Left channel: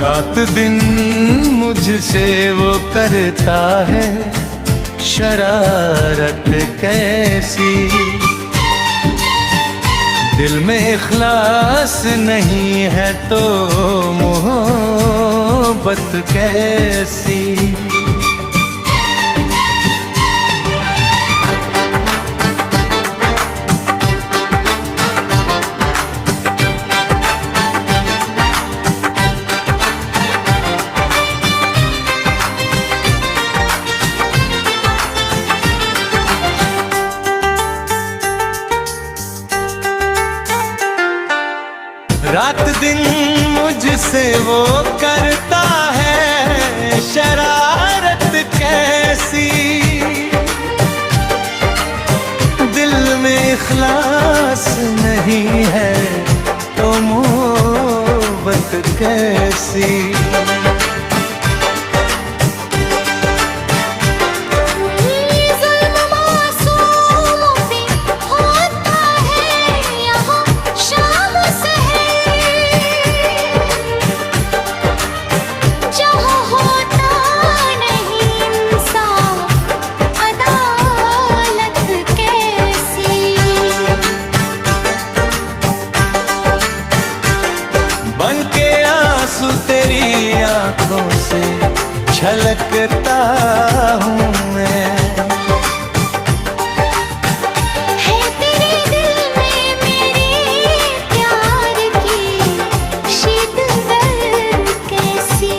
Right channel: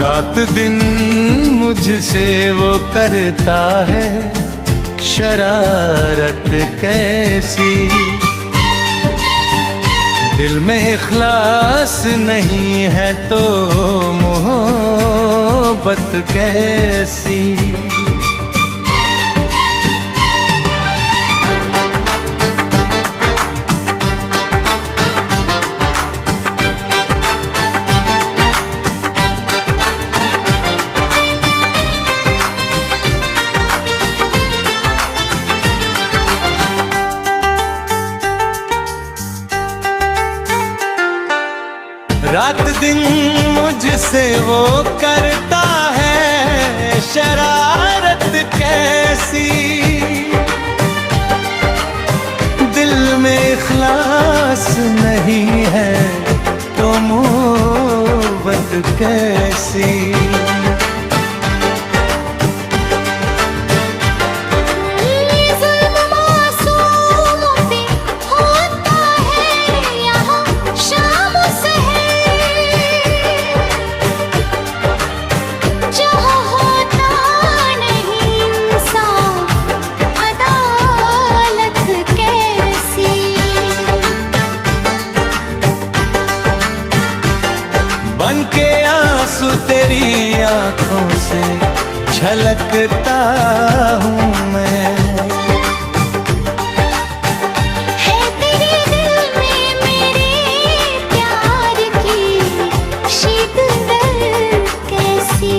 रात दिन मुझसे वो करता है शरारत कैसी, दिल में इखलास नहीं है तो मोहब्बत कैसी। रात दिन मुझसे वो करता है शरारत कैसी, दिल में इखलास नहीं है तो मोहब्बत कैसी। बन के आंसू तेरी आंखों से छलकता हूँ मैं, है तेरे दिल में मेरे प्यार की शिद्दत कैसी।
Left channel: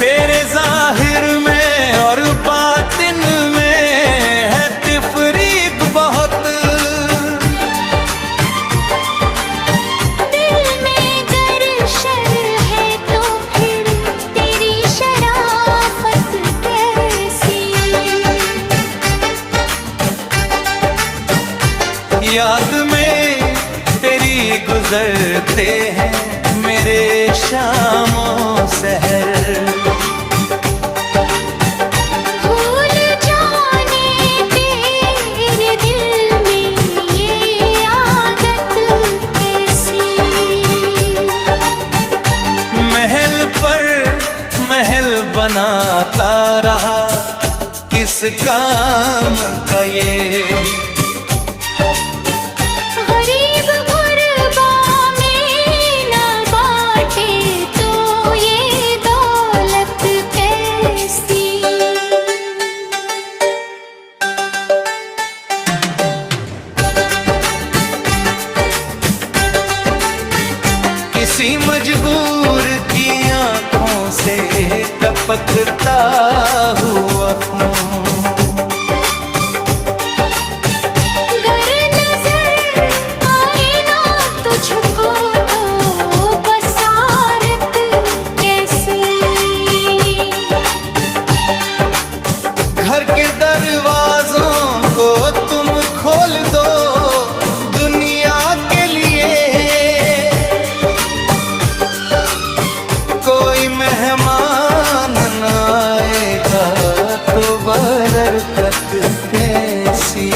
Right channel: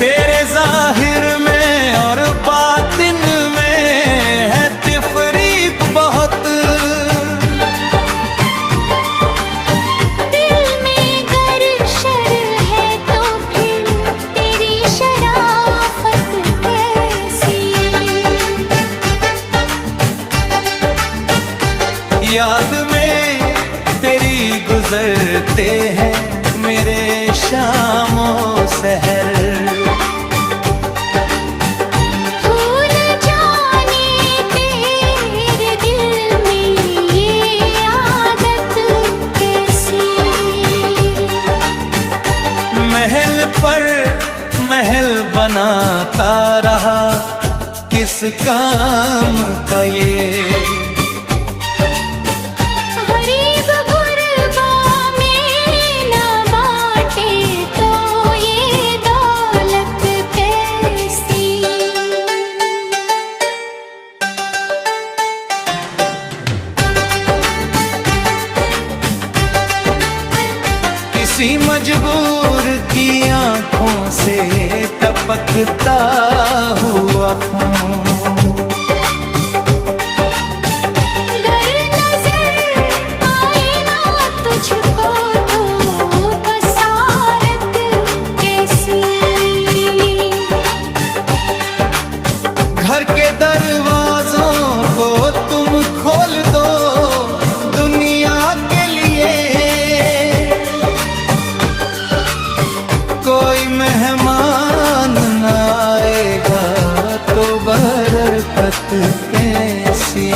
तेरे जाहिर में और बातिन में है तिफरीक बहुत, याद में तेरी गुजरते हैं मेरे शामों सहर। भूल जाने तेरे दिल में ये आदत कैसी। महल पर महल बनाता रहा किस काम का ये, किसी मजबूर की आंखों से टपकता हुआ खून, गर नजर आए ना तुझको तो बसारत कैसी। घर के दरवाजों को तुम खोल दो दुनिया के लिए, कोई मेहमान न आएगा तो बरकत कैसी।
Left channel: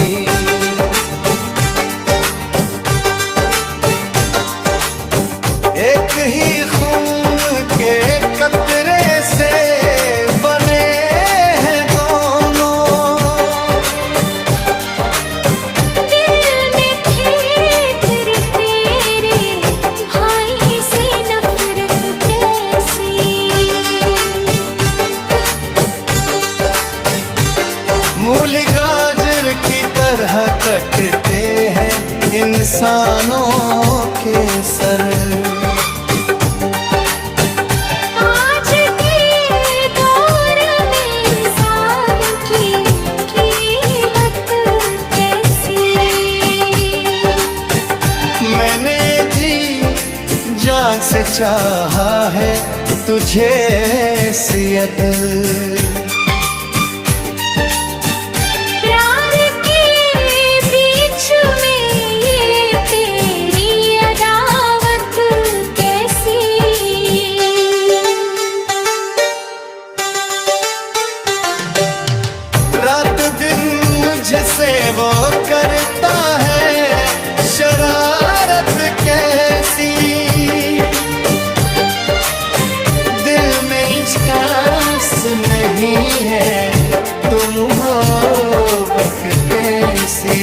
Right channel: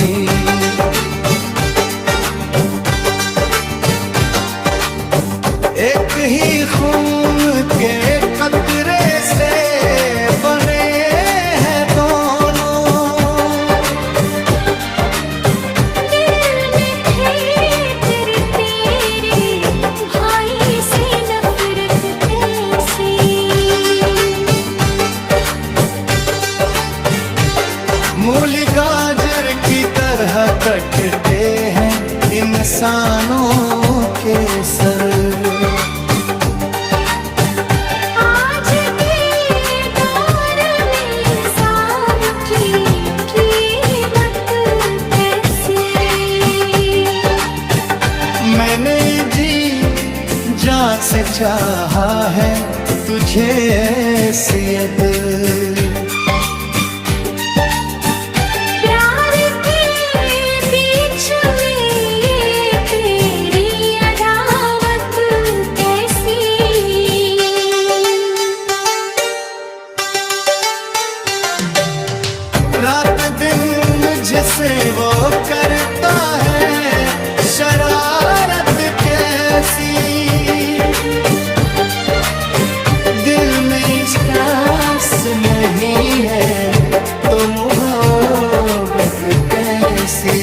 एक ही खून के कतरे से बने हैं दोनों, मूली गाजर की तरह कटते हैं इंसानों के सर। आज के दौर में इंसान की कीमत कैसी। मैंने जी जान से चाहा है तुझे सियद, रात दिन मुझसे वो करता है शरारत कैसी। एहसास नहीं है तो मोहब्बत कैसी।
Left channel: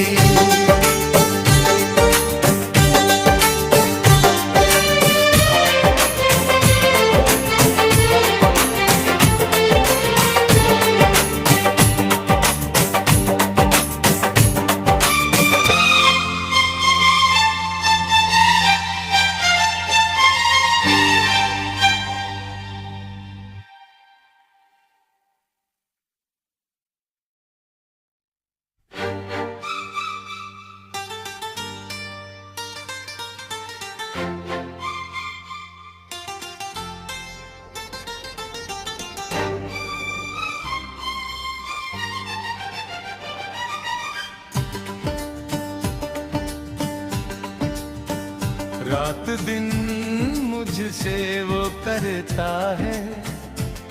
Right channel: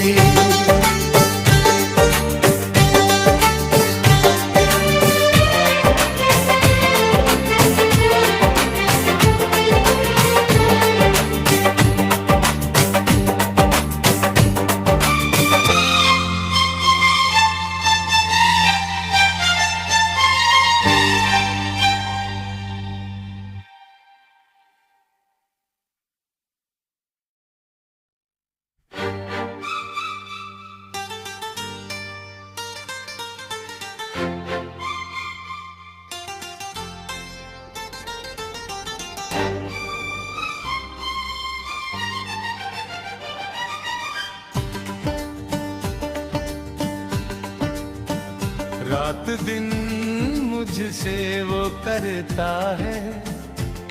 रात दिन मुझसे वो करता है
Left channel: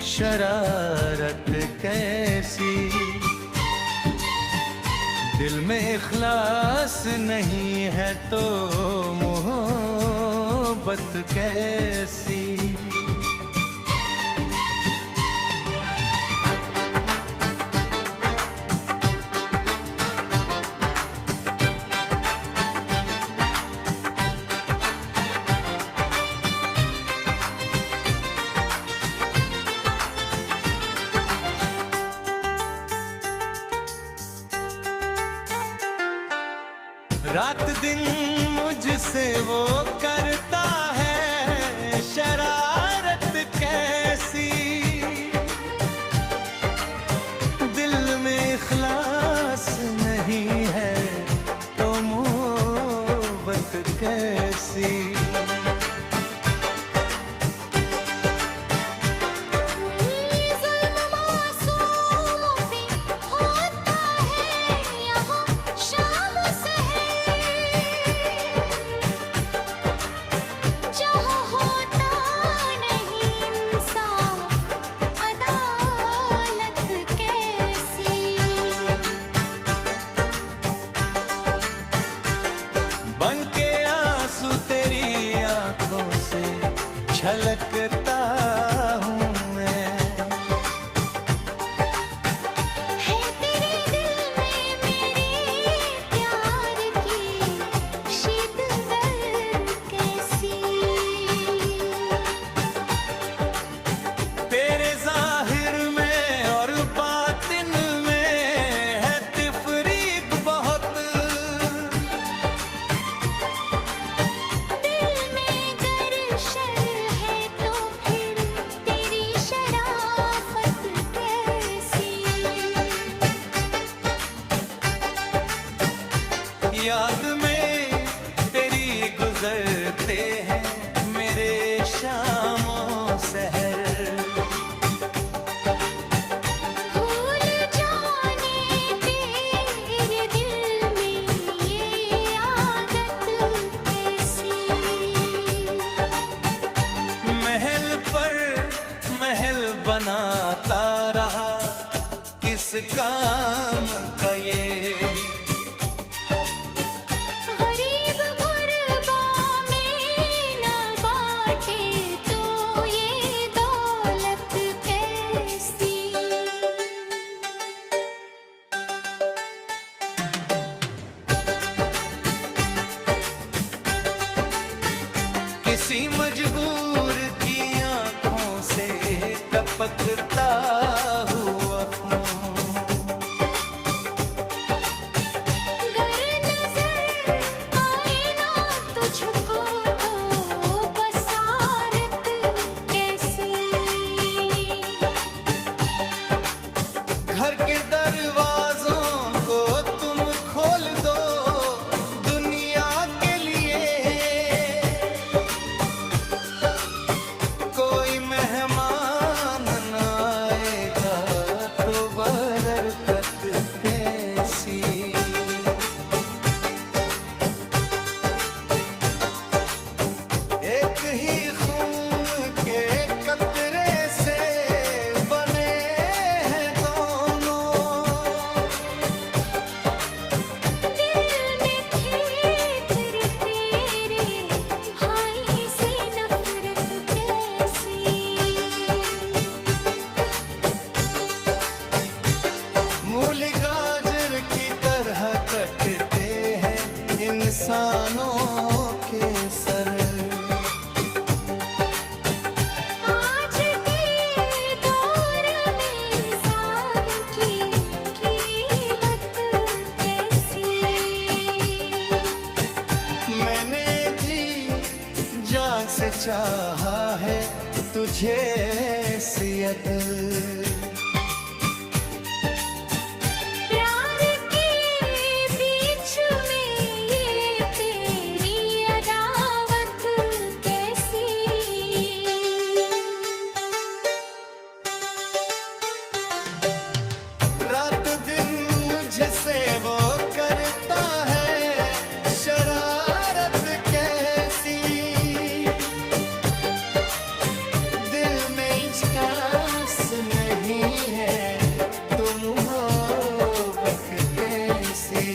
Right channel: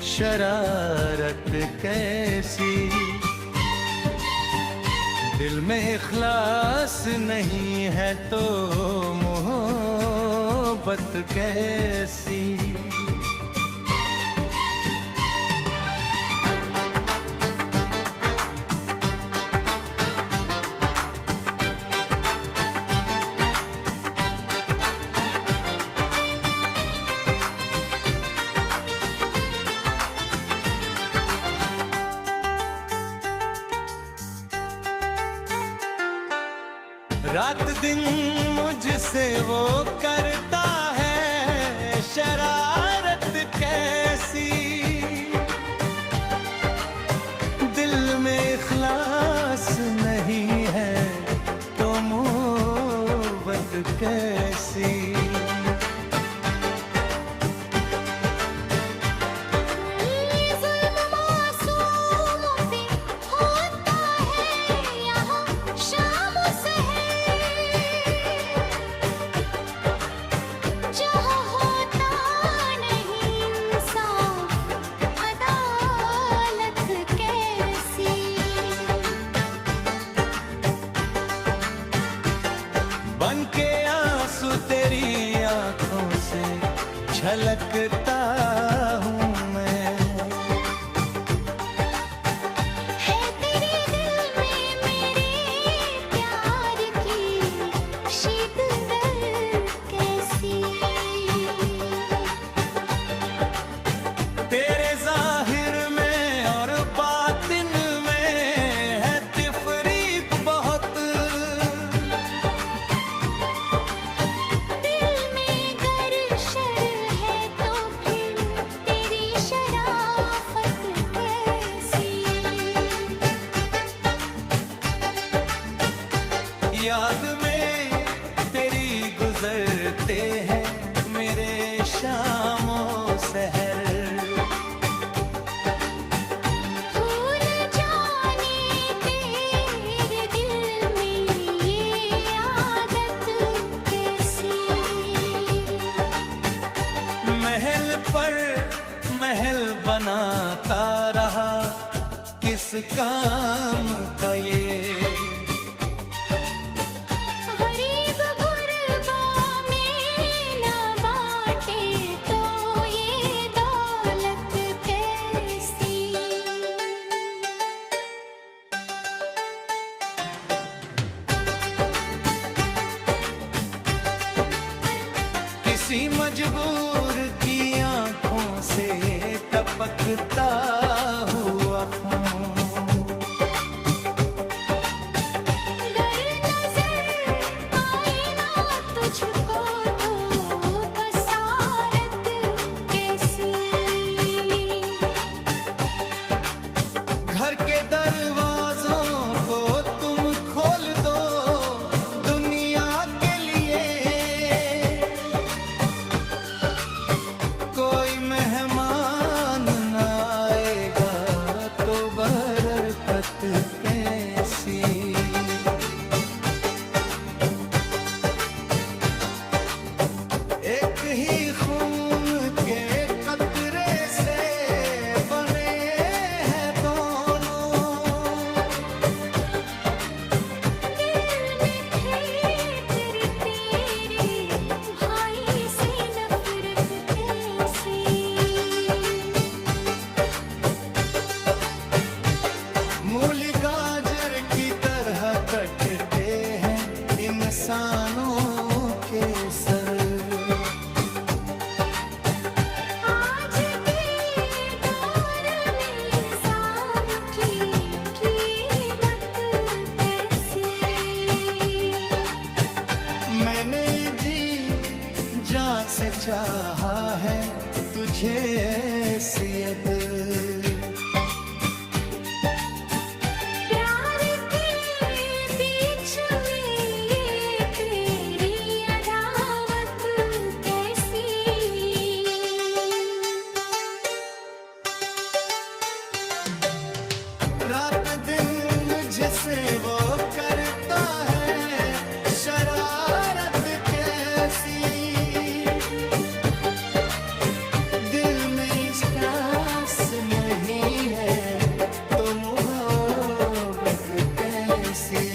शरारत कैसी। दिल में इखलास नहीं है तो मोहब्बत कैसी। रात दिन मुझसे वो करता है शरारत कैसी। दिल में इखलास नहीं है तो मोहब्बत कैसी। बन के आंसू तेरी आंखों से छलकता हूँ मैं। है तेरे दिल में मेरे प्यार की शिद्दत कैसी। तेरे जाहिर में और बातिन में है तिफरीक बहुत। याद में तेरी गुजरते हैं मेरे शामों सहर। भूल जाने तेरे दिल में ये आदत कैसी। महल पर महल बनाता रहा किस काम का ये। किसी मजबूर की आंखों से टपकता हुआ खून। गर नजर आए ना तुझको तो बसारत कैसी। घर के दरवाजों को तुम खोल दो दुनिया के लिए। कोई मेहमान न आएगा तो बरकत कैसी। एक ही खून के कतरे से बने हैं दोनों। दिल में थी तेरे भाई से नफरत कैसी। की तरह कटते हैं इंसानों के सर। आज के दौर में इंसान की कीमत कैसी। मैंने जी जान से चाहा है तुझे सियत। प्यार के बीच में ये तेरी अदावत कैसी। रात दिन मुझसे वो करता है शरारत कैसी। दिल में इश्कास नहीं है तो मोहब्बत कैसी।